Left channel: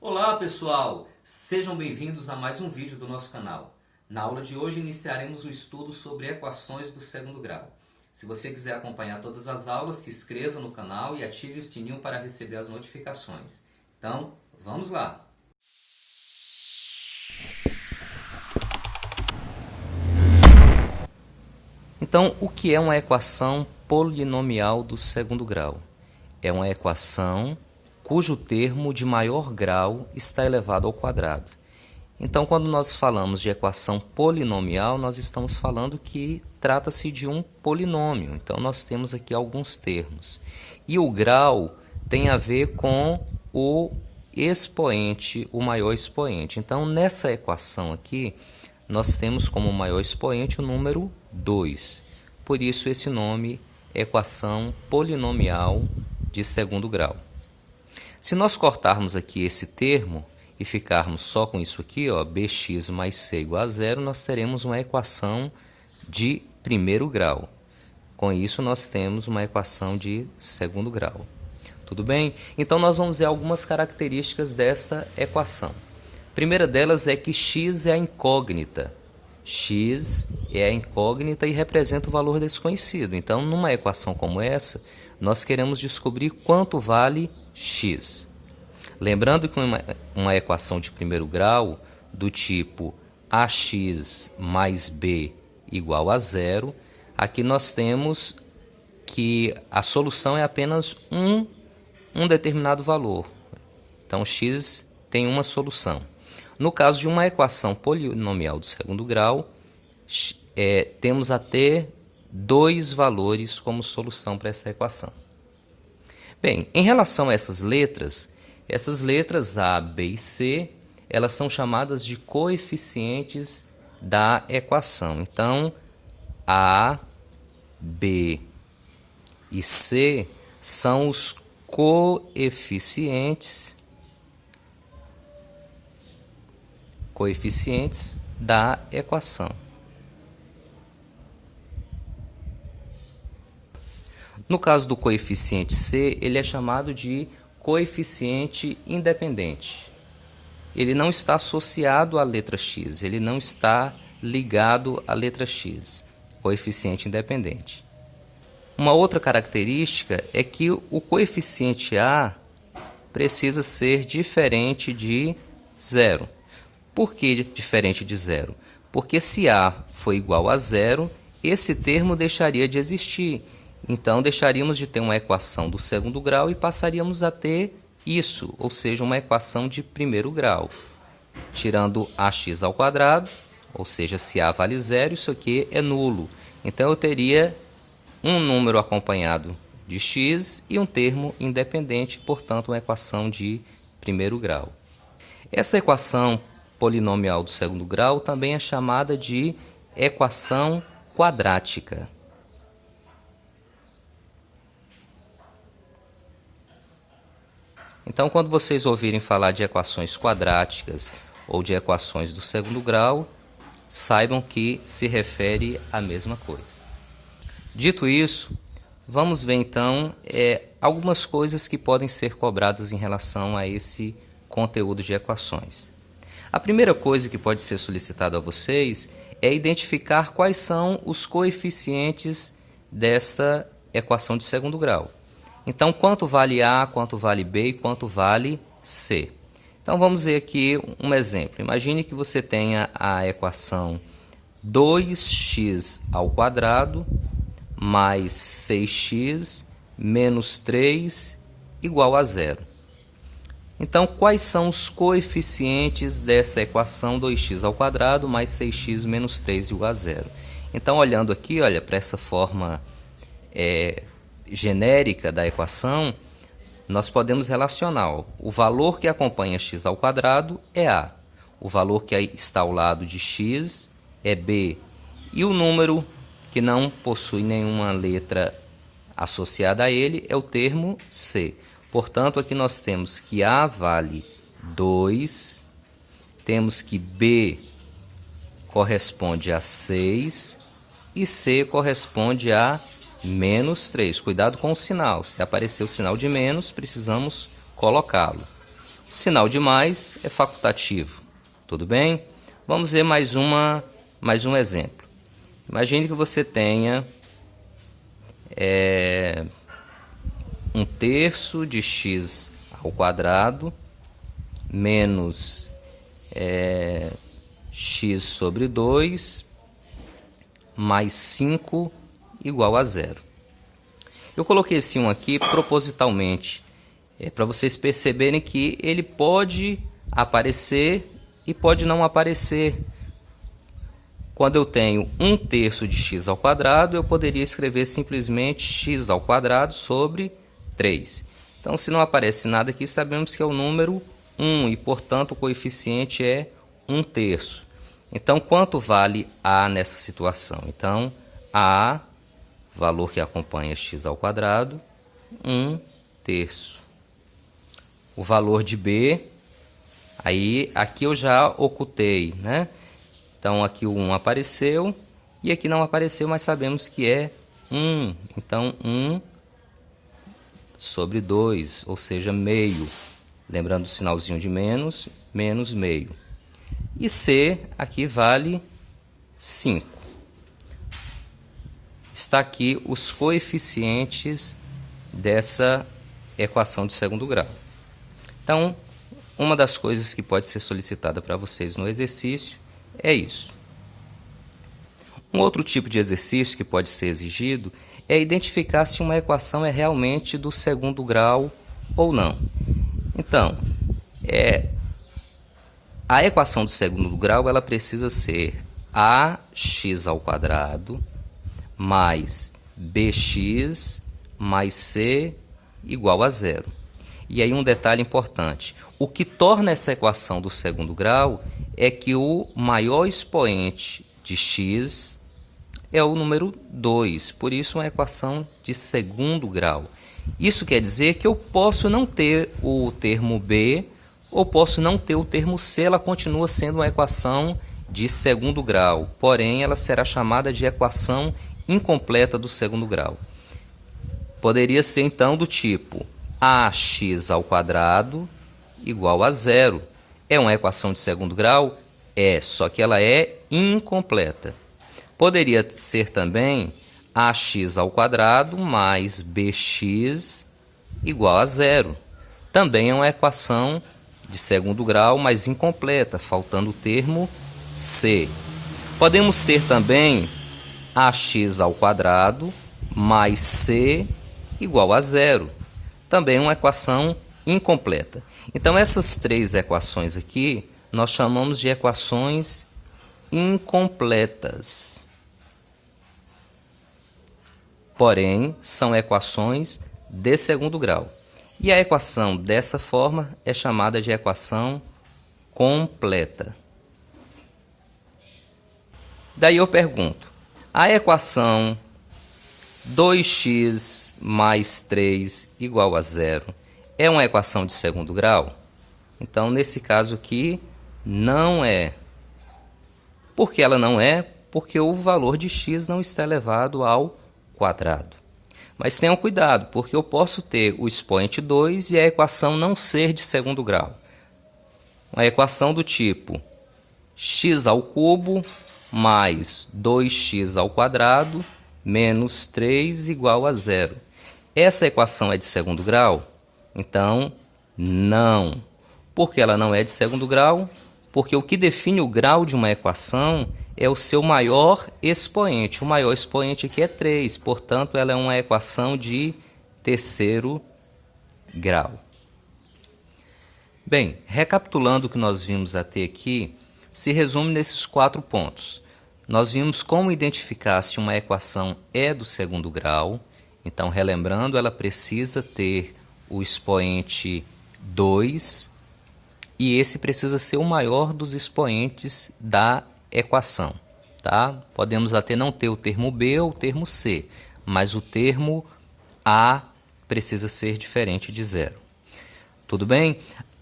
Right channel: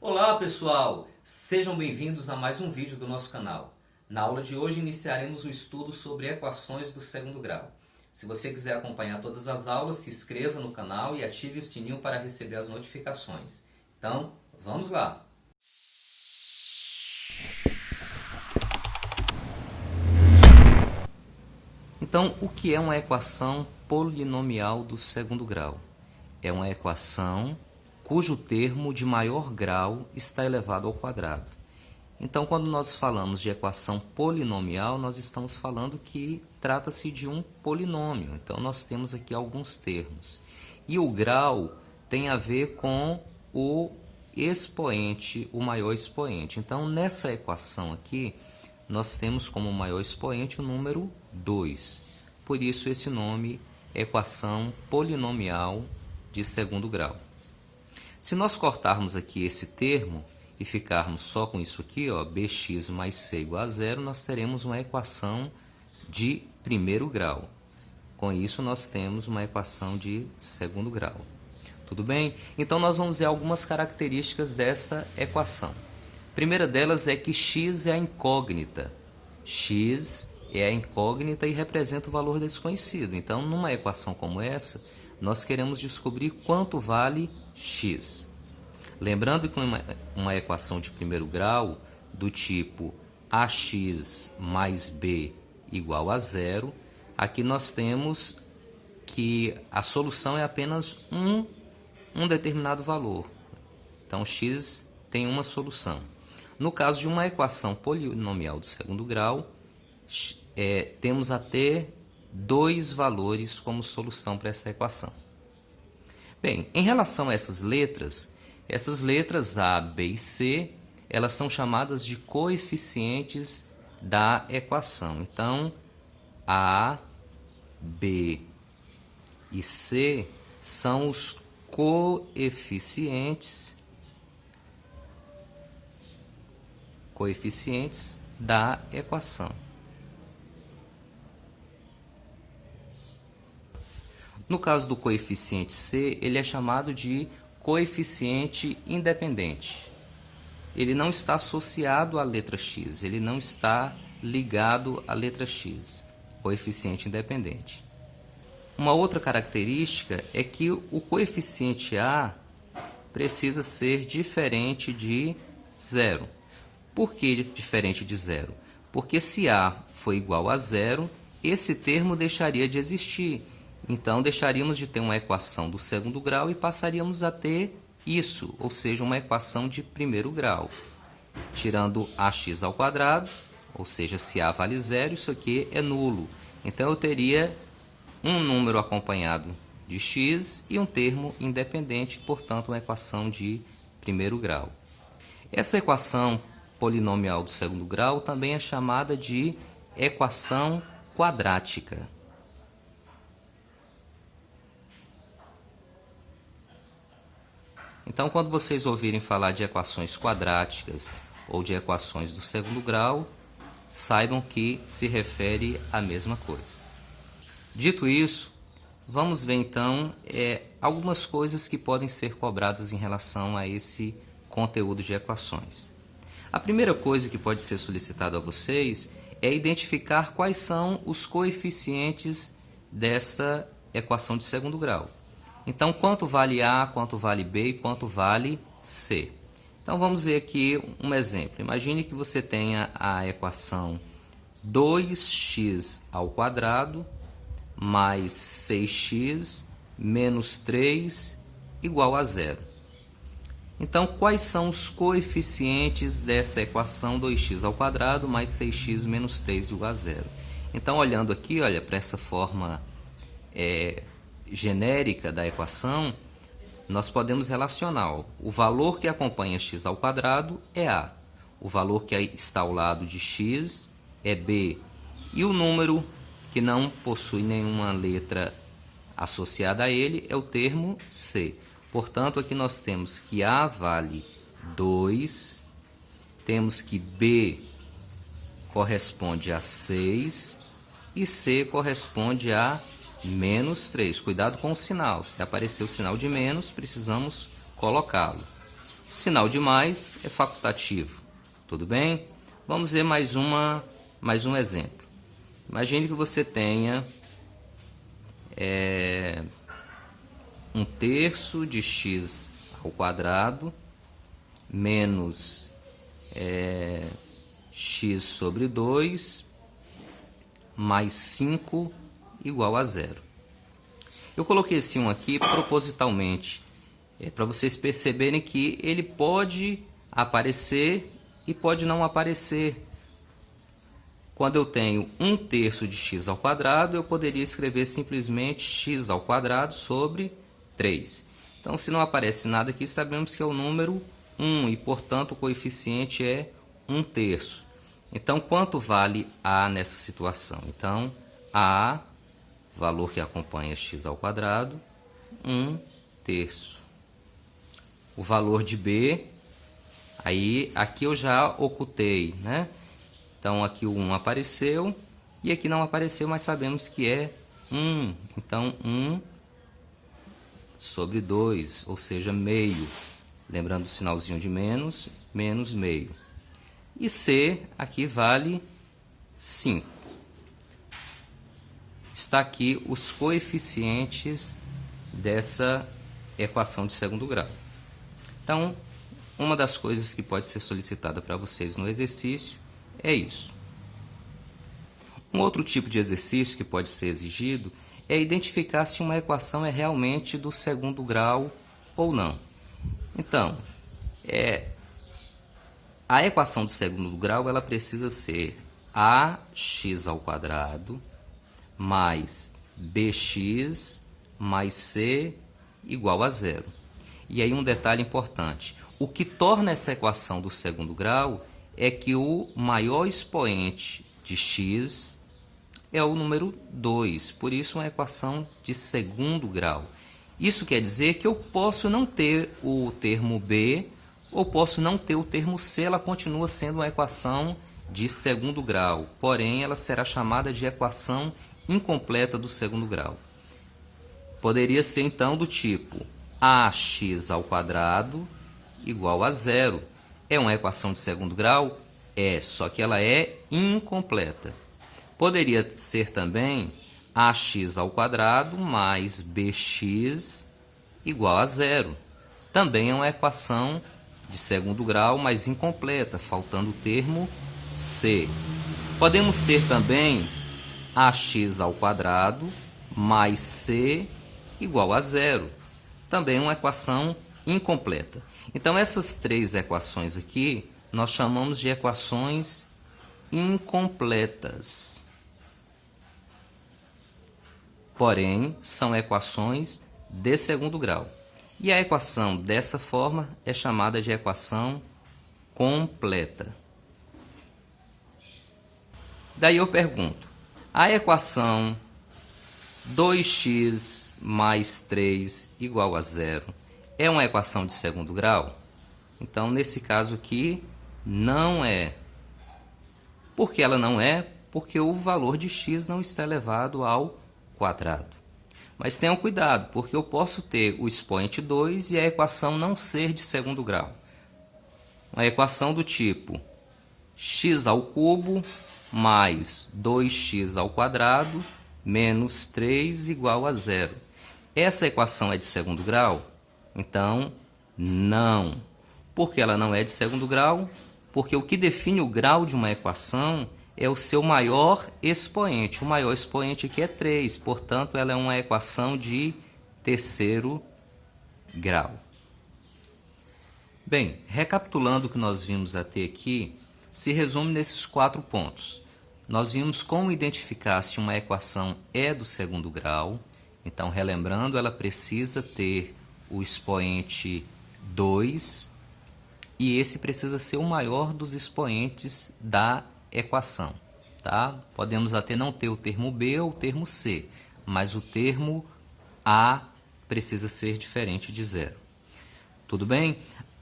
Olá pessoal, sejam bem-vindos a mais um vídeo do nosso canal. Na aula de hoje iniciaremos o estudo sobre equações do segundo grau. Se você quiser acompanhar todas as aulas, se inscreva no canal e ative o sininho para receber as notificações. Então, vamos lá! Então, o que é uma equação polinomial do segundo grau? É uma equação cujo termo de maior grau está elevado ao quadrado. Então, quando nós falamos de equação polinomial, nós estamos falando que trata-se de um polinômio. Então, nós temos aqui alguns termos. E o grau tem a ver com o expoente, o maior expoente. Então, nessa equação aqui, nós temos como maior expoente o número 2. Por isso, esse nome é equação polinomial de segundo grau. Se nós cortarmos aqui esse termo e ficarmos só com isso aqui, ó, bx mais c igual a zero, nós teremos uma equação de primeiro grau. Com isso, nós temos uma equação de segundo grau. Tudo bem? Então, nós vamos ver algumas características dessa equação. A primeira delas é que x é a incógnita. X é a incógnita e representa o valor desconhecido. Então, numa equação como essa, nós queremos descobrir quanto vale x. Lembrando que uma equação de primeiro grau, do tipo ax mais b igual a zero, aqui nós temos que a solução é apenas um determinado valor. Então, x tem uma solução. No caso de uma equação polinomial do segundo grau, temos até dois valores como solução para essa equação. Bem, em relação a essas letras A, B e C, elas são chamadas de coeficientes da equação. Então, A, B e C são os coeficientes da equação. No caso do coeficiente C, ele é chamado de coeficiente independente. Ele não está associado à letra x, ele não está ligado à letra x, coeficiente independente. Uma outra característica é que o coeficiente A precisa ser diferente de zero. Por que diferente de zero? Porque se A for igual a zero, esse termo deixaria de existir. Então, deixaríamos de ter uma equação do segundo grau e passaríamos a ter isso, ou seja, uma equação de primeiro grau. Tirando ax ao quadrado, ou seja, se A vale zero, isso aqui é nulo. Então, eu teria um número acompanhado de x e um termo independente, portanto, uma equação de primeiro grau. Essa equação polinomial do segundo grau também é chamada de equação quadrática. Então, quando vocês ouvirem falar de equações quadráticas ou de equações do segundo grau, saibam que se refere à mesma coisa. Dito isso, vamos ver então algumas coisas que podem ser cobradas em relação a esse conteúdo de equações. A primeira coisa que pode ser solicitada a vocês é identificar quais são os coeficientes dessa equação de segundo grau. Então, quanto vale A, quanto vale B e quanto vale C. Então, vamos ver aqui um exemplo. Imagine que você tenha a equação 2x ao quadrado mais 6x menos 3 igual a zero. Então, quais são os coeficientes dessa equação 2x ao quadrado mais 6x menos 3 igual a zero? Então, olhando aqui, olha, para essa forma genérica da equação, nós podemos relacionar o valor que acompanha x ao quadrado é A, o valor que está ao lado de x é B, e o número que não possui nenhuma letra associada a ele é o termo C. Portanto, aqui nós temos que A vale 2, temos que B corresponde a 6 e C corresponde a menos 3. Cuidado com o sinal. Se aparecer o sinal de menos, precisamos colocá-lo. O sinal de mais é facultativo. Tudo bem? Vamos ver mais um exemplo. Imagine que você tenha 1/3 de x ao quadrado menos x sobre 2 mais 5 igual a 0. Eu coloquei esse 1 aqui propositalmente, para vocês perceberem que ele pode aparecer e pode não aparecer. Quando eu tenho 1/3 de x ao quadrado, eu poderia escrever simplesmente x ao quadrado sobre 3. Então, se não aparece nada aqui, sabemos que é o número 1 e, portanto, o coeficiente é 1/3. Então, quanto vale A nessa situação? Então, A, valor que acompanha x ao quadrado, 1/3. O valor de B, aqui eu já ocultei, né? Então, aqui o 1 apareceu e aqui não apareceu, mas sabemos que é 1. Então, 1 sobre 2, ou seja, meio. Lembrando o sinalzinho de menos, menos meio. E C, aqui vale 5. Está aqui os coeficientes dessa equação de segundo grau. Então, uma das coisas que pode ser solicitada para vocês no exercício é isso. Um outro tipo de exercício que pode ser exigido é identificar se uma equação é realmente do segundo grau ou não. Então, a equação do segundo grau ela precisa ser ax ao quadrado mais bx mais c igual a 0. E aí um detalhe importante, o que torna essa equação do segundo grau é que o maior expoente de x é o número 2, por isso uma equação de segundo grau. Isso quer dizer que eu posso não ter o termo b ou posso não ter o termo c, ela continua sendo uma equação de segundo grau, porém ela será chamada de equação incompleta do segundo grau. Poderia ser então do tipo ax ao quadrado igual a 0. É uma equação de segundo grau? É, só que ela é incompleta. Poderia ser também ax ao quadrado mais bx igual a 0. Também é uma equação de segundo grau, mas incompleta, faltando o termo c. Podemos ter também ax ao quadrado mais c igual a 0. Também é uma equação incompleta. Então, essas três equações aqui, nós chamamos de equações incompletas. Porém, são equações de segundo grau. E a equação dessa forma é chamada de equação completa. Daí eu pergunto, a equação 2x mais 3 igual a 0 é uma equação de segundo grau? Então, nesse caso aqui, não é. Por que ela não é? Porque o valor de x não está elevado ao quadrado. Mas tenham cuidado, porque eu posso ter o expoente 2 e a equação não ser de segundo grau. Uma equação do tipo x ao cubo mais 2x ao quadrado menos 3 igual a 0. Essa equação é de segundo grau? Então, não. Por que ela não é de segundo grau? Porque o que define o grau de uma equação é o seu maior expoente. O maior expoente aqui é 3, portanto, ela é uma equação de terceiro grau. Bem, recapitulando o que nós vimos até aqui, se resume nesses 4 pontos. Nós vimos como identificar se uma equação é do segundo grau. Então, relembrando, ela precisa ter o expoente 2 e esse precisa ser o maior dos expoentes da equação. Tá? Podemos até não ter o termo B ou o termo C, mas o termo A precisa ser diferente de 0. Tudo bem?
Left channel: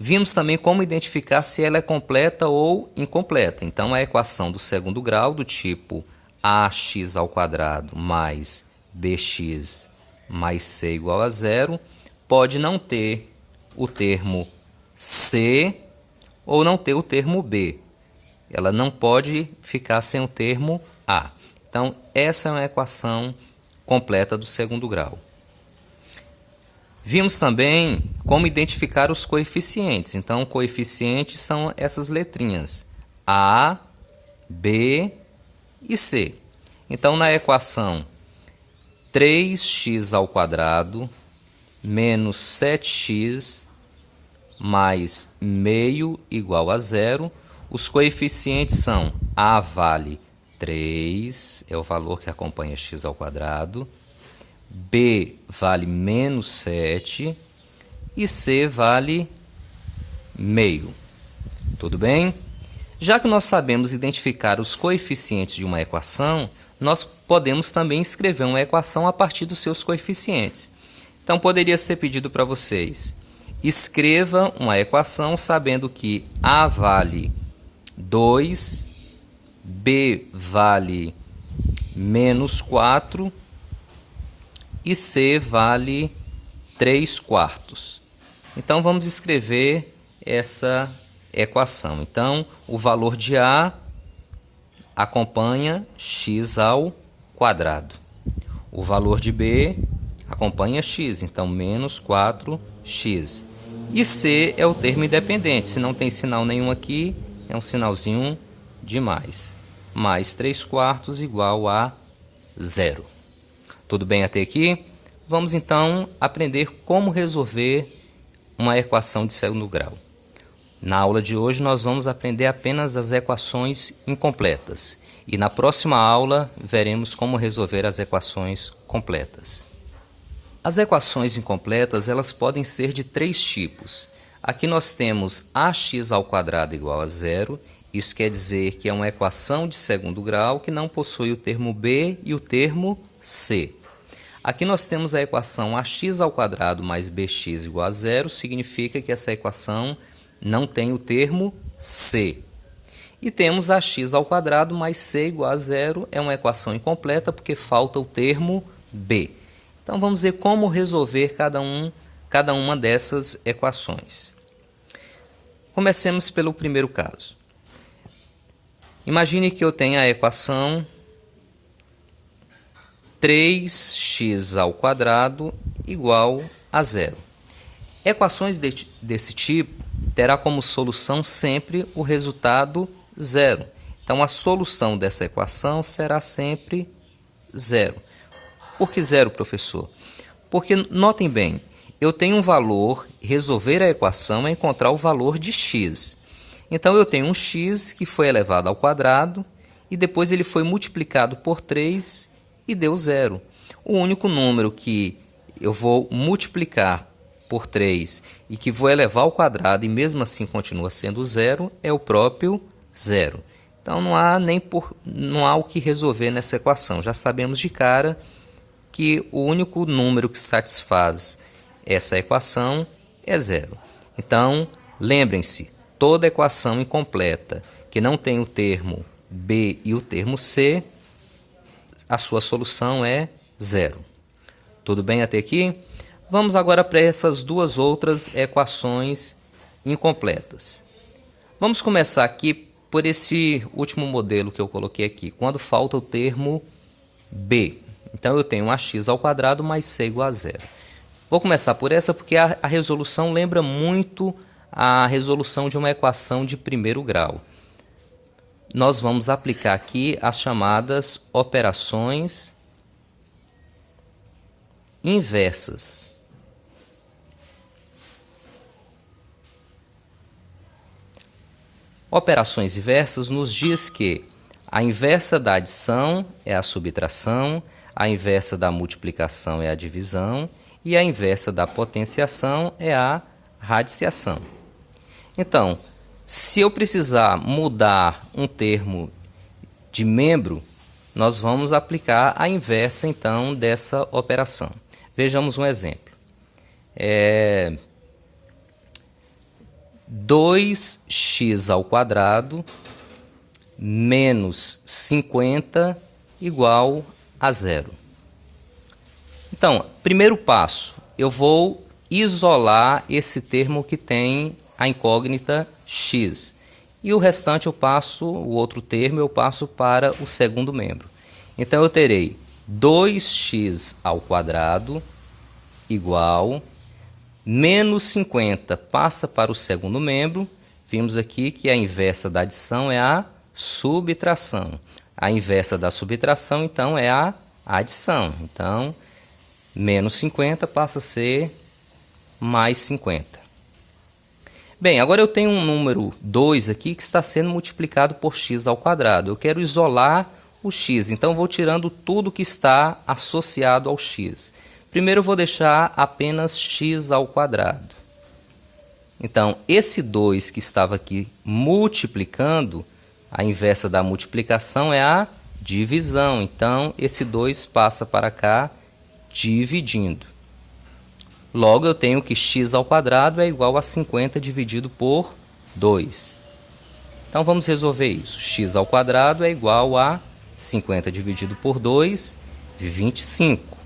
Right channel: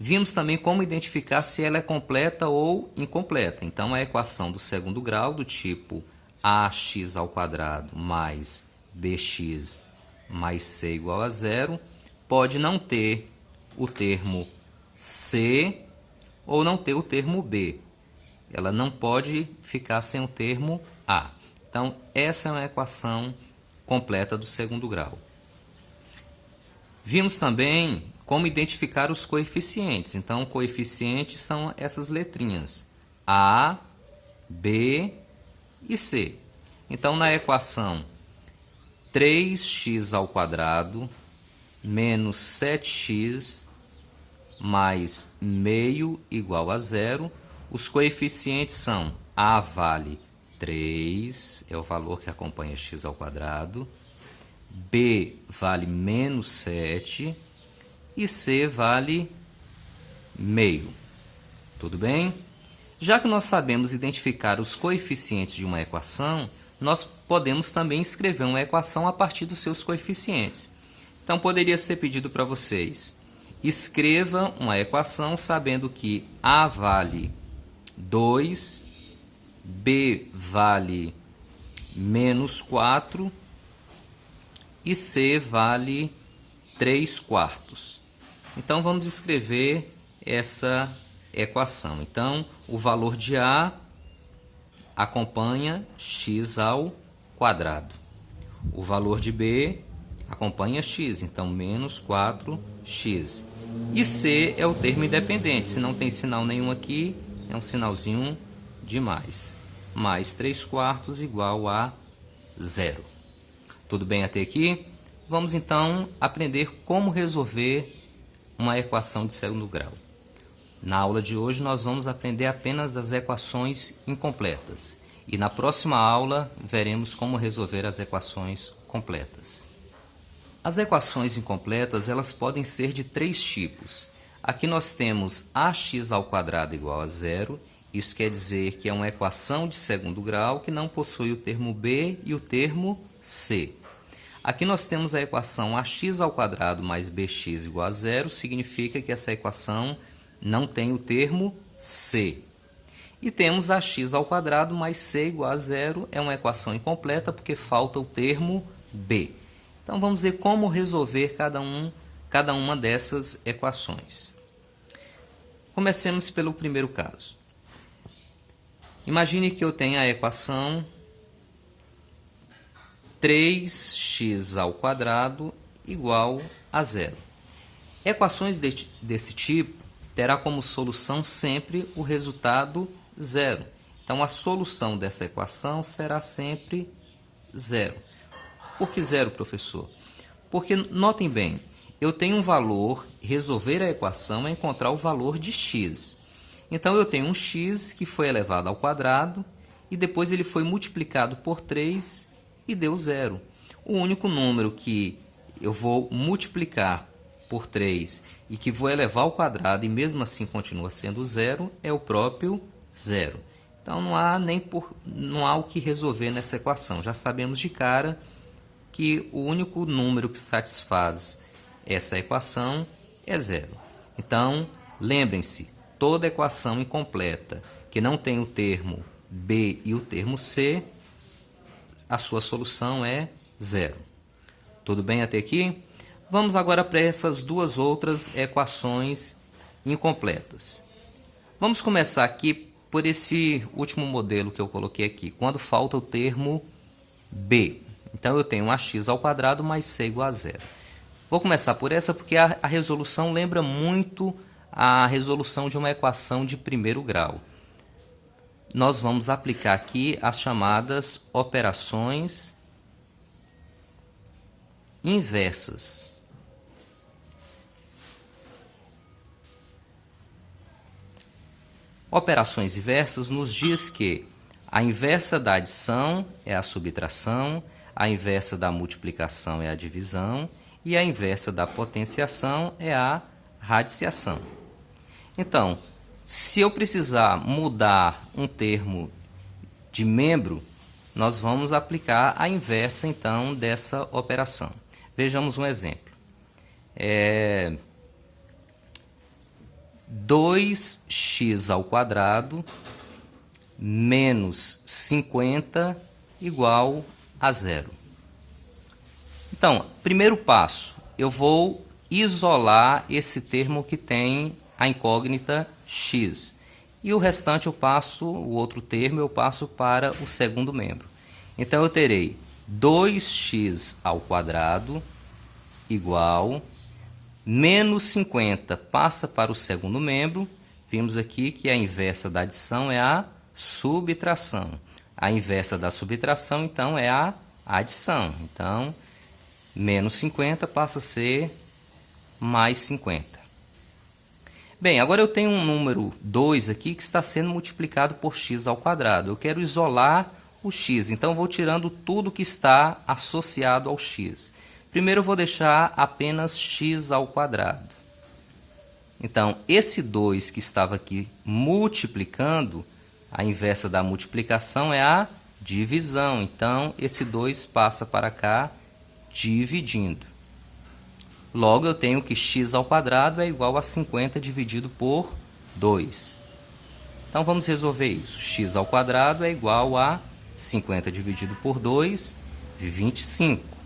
Vimos também como identificar se ela é completa ou incompleta. Então, a equação do segundo grau, do tipo ax ao quadrado mais bx mais c igual a 0, pode não ter o termo C ou não ter o termo B. Ela não pode ficar sem o termo A. Então, essa é uma equação completa do segundo grau. Vimos também como identificar os coeficientes. Então, coeficientes são essas letrinhas A, B e C. Então, na equação 3x² menos 7x mais meio igual a zero, os coeficientes são A vale 3, é o valor que acompanha x², B vale menos 7 e C vale meio. Tudo bem? Já que nós sabemos identificar os coeficientes de uma equação, nós podemos também escrever uma equação a partir dos seus coeficientes. Então, poderia ser pedido para vocês: escreva uma equação sabendo que A vale 2, B vale menos 4 e C vale 3/4. Então, vamos escrever essa equação. Então, o valor de A acompanha x². O valor de B acompanha x, então menos 4x. E C é o termo independente. Se não tem sinal nenhum aqui, é um sinalzinho de mais. Mais 3/4 igual a 0. Tudo bem até aqui? Vamos então aprender como resolver uma equação de segundo grau. Na aula de hoje nós vamos aprender apenas as equações incompletas. E na próxima aula veremos como resolver as equações completas. As equações incompletas elas podem ser de três tipos. Aqui nós temos ax² igual a zero. Isso quer dizer que é uma equação de segundo grau que não possui o termo B e o termo C. Aqui nós temos a equação ax² mais bx igual a zero, significa que essa equação não tem o termo C. E temos ax² mais c igual a zero, é uma equação incompleta porque falta o termo B. Então vamos ver como resolver cada uma dessas equações. Comecemos pelo primeiro caso. Imagine que eu tenha a equação 3x² igual a zero. Equações desse tipo terá como solução sempre o resultado zero. Então, a solução dessa equação será sempre zero. Por que zero, professor? Porque, notem bem, eu tenho um valor, resolver a equação é encontrar o valor de x. Então, eu tenho um x que foi elevado ao quadrado e depois ele foi multiplicado por 3 e deu zero. O único número que eu vou multiplicar por 3 e que vou elevar ao quadrado e mesmo assim continua sendo zero é o próprio zero. Então não há o que resolver nessa equação. Já sabemos de cara que o único número que satisfaz essa equação é zero. Então, lembrem-se, toda equação incompleta que não tem o termo B e o termo C, a sua solução é zero. Tudo bem até aqui? Vamos agora para essas duas outras equações incompletas. Vamos começar aqui por esse último modelo que eu coloquei aqui, quando falta o termo B. Então, eu tenho ax² mais c igual a zero. Vou começar por essa porque a resolução lembra muito a resolução de uma equação de primeiro grau. Nós vamos aplicar aqui as chamadas operações inversas. Operações inversas nos diz que a inversa da adição é a subtração, a inversa da multiplicação é a divisão e a inversa da potenciação é a radiciação. Então, se eu precisar mudar um termo de membro, nós vamos aplicar a inversa, então, dessa operação. Vejamos um exemplo. 2x² menos 50 igual a zero. Então, primeiro passo, eu vou isolar esse termo que tem a incógnita x. E o restante eu passo, o outro termo eu passo para o segundo membro. Então eu terei 2x ao quadrado igual menos 50 passa para o segundo membro. Vimos aqui que a inversa da adição é a subtração. A inversa da subtração, então, é a adição. Então, menos 50 passa a ser mais 50. Bem, agora eu tenho um número 2 aqui que está sendo multiplicado por x ao quadrado. Eu quero isolar o x, então vou tirando tudo que está associado ao x. Primeiro eu vou deixar apenas x ao quadrado. Então, esse 2 que estava aqui multiplicando, a inversa da multiplicação é a divisão. Então, esse 2 passa para cá dividindo. Logo, eu tenho que x ao quadrado é igual a 50 dividido por 2. Então, vamos resolver isso. X ao quadrado é igual a 50 dividido por 2, 25.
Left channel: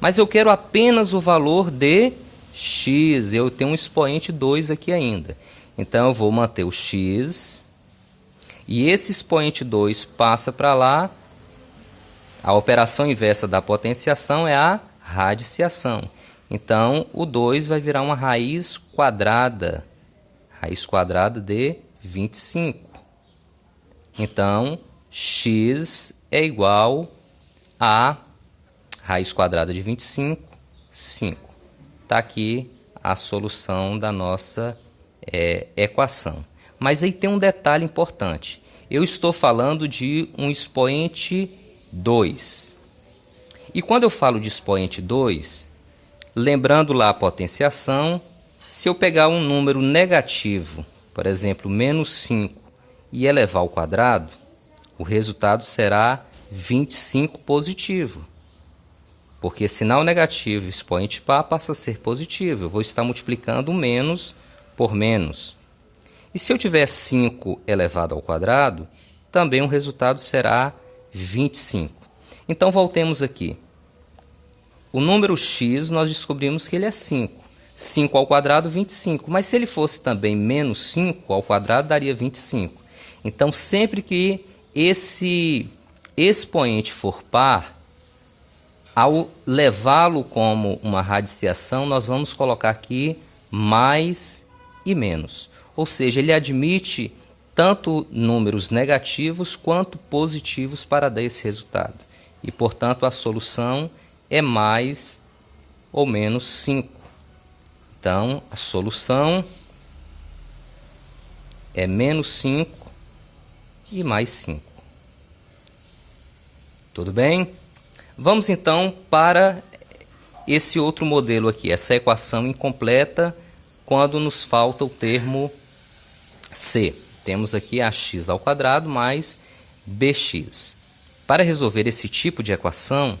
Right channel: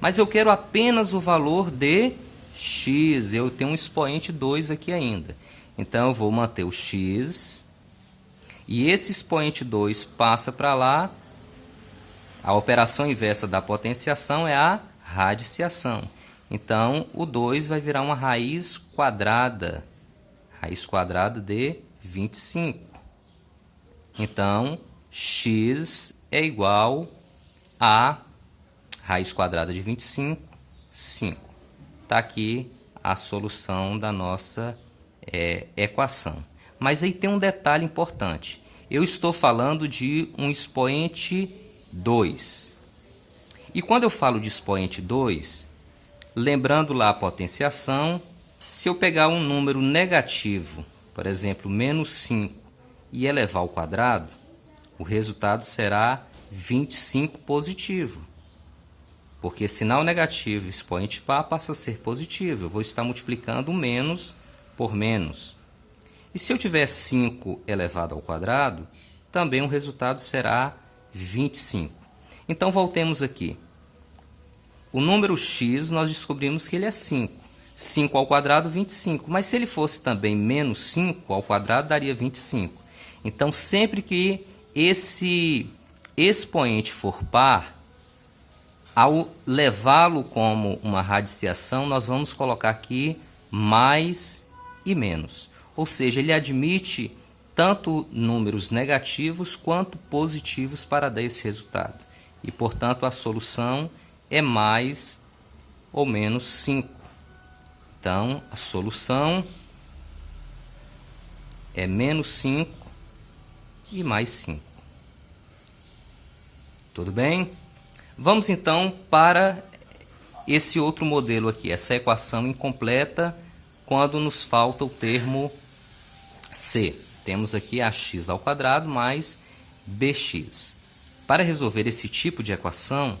Mas eu quero apenas o valor de x. Eu tenho um expoente 2 aqui ainda. Então, eu vou manter o x. E esse expoente 2 passa para lá. A operação inversa da potenciação é a radiciação. Então, o 2 vai virar uma raiz quadrada. Raiz quadrada de 25. Então, x é igual a raiz quadrada de 25, 5. Está aqui a solução da nossa equação. Mas aí tem um detalhe importante. Eu estou falando de um expoente 2. E quando eu falo de expoente 2, lembrando lá a potenciação, se eu pegar um número negativo, por exemplo, menos 5, e elevar ao quadrado, o resultado será 25 positivo. Porque sinal negativo, expoente par, passa a ser positivo. Eu vou estar multiplicando menos por menos. E se eu tiver 5 elevado ao quadrado, também o resultado será 25. Então, voltemos aqui. O número x, nós descobrimos que ele é 5. 5 ao quadrado, 25. Mas se ele fosse também menos 5 ao quadrado, daria 25. Então, sempre que esse expoente for par, ao levá-lo como uma radiciação, nós vamos colocar aqui mais e menos. Ou seja, ele admite tanto números negativos quanto positivos para dar esse resultado. E, portanto, a solução é mais ou menos 5. Então, a solução é menos 5 e mais 5. Tudo bem? Vamos, então, para esse outro modelo aqui, essa equação incompleta, quando nos falta o termo c. Temos aqui ax ao quadrado mais bx. Para resolver esse tipo de equação,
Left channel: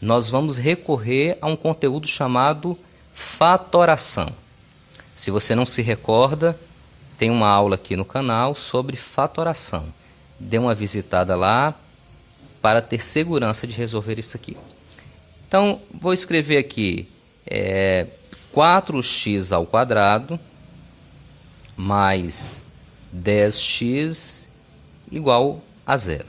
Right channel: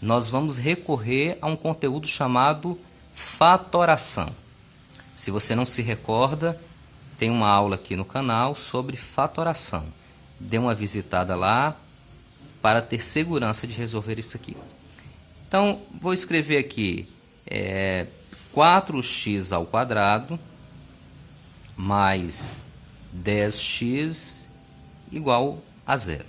nós vamos recorrer a um conteúdo chamado fatoração. Se você não se recorda, tem uma aula aqui no canal sobre fatoração. Dê uma visitada lá para ter segurança de resolver isso aqui. Então, vou escrever aqui 4x ao quadrado mais 10x igual a 0.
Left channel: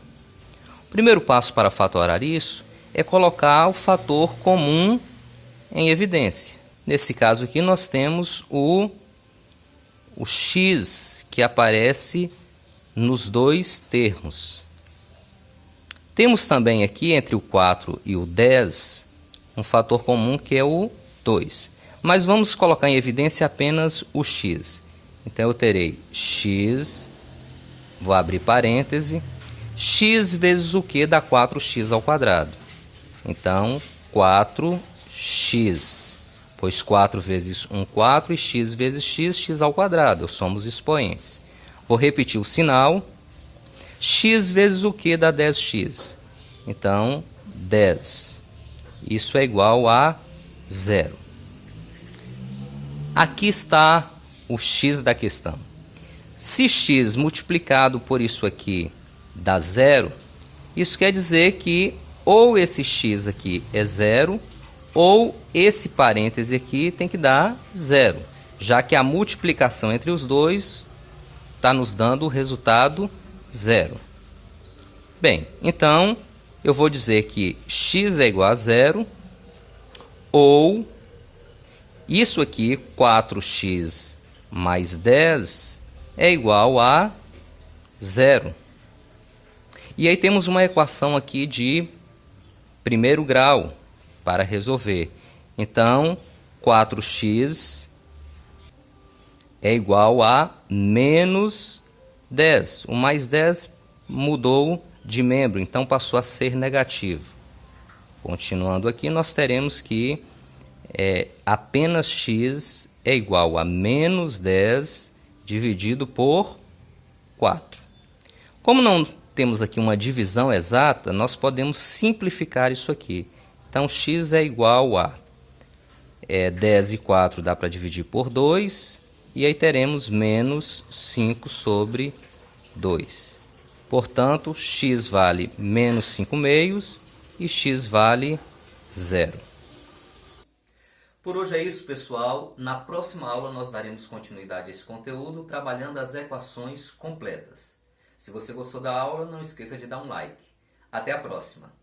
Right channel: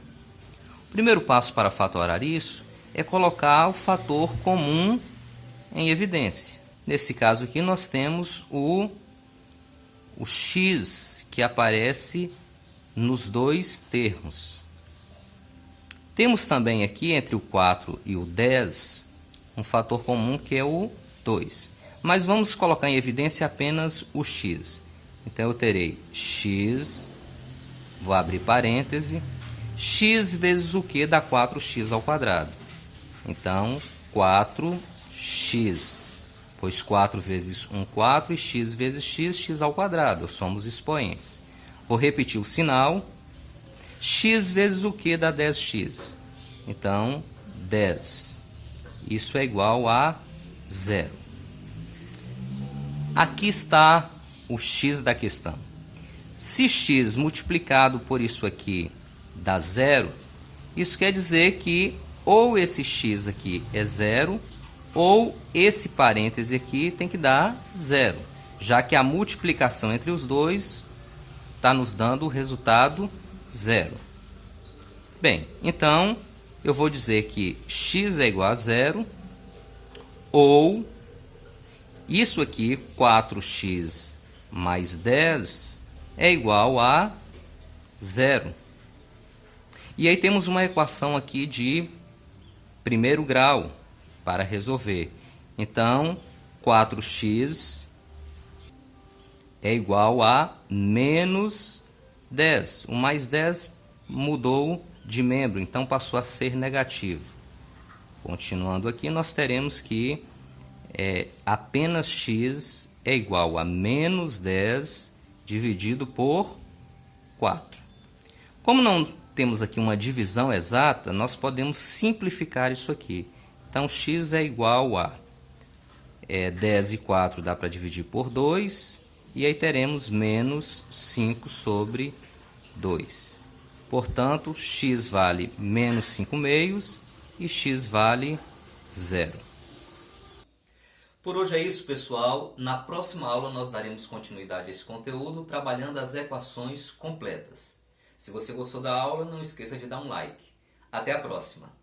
O primeiro passo para fatorar isso é colocar o fator comum em evidência. Nesse caso aqui, nós temos o x que aparece nos dois termos. Temos também aqui, entre o 4 e o 10, um fator comum que é o 2. Mas vamos colocar em evidência apenas o x. Então, eu terei x, vou abrir parêntese, x vezes o que dá 4x ao quadrado. Então, 4x, pois 4 vezes 1, 4, e x vezes x, x ao quadrado. Somos expoentes. Vou repetir o sinal. X vezes o que dá 10x? Então, 10. Isso é igual a 0. Aqui está o x da questão. Se x multiplicado por isso aqui dá 0, isso quer dizer que ou esse x aqui é 0, ou esse parêntese aqui tem que dar 0. já que a multiplicação entre os dois está nos dando o resultado 0. Bem, então eu vou dizer que x é igual a 0, ou isso aqui, 4x mais 10, é igual a 0. E aí temos uma equação aqui de primeiro grau para resolver. Então, 4x é igual a menos 10. O mais 10 mudou de membro, então passou a ser negativo. Continuando aqui, nós teremos que apenas x é igual a menos 10 dividido por 4. Como não temos aqui uma divisão exata, nós podemos simplificar isso aqui. Então, x é igual a 10 e 4 dá para dividir por 2, e aí teremos menos 5 sobre 2. Portanto, x vale menos 5 meios e x vale 0. Por hoje é isso, pessoal. Na próxima aula nós daremos continuidade a esse conteúdo trabalhando as equações completas. Se você gostou da aula, não esqueça de dar um like. Até a próxima!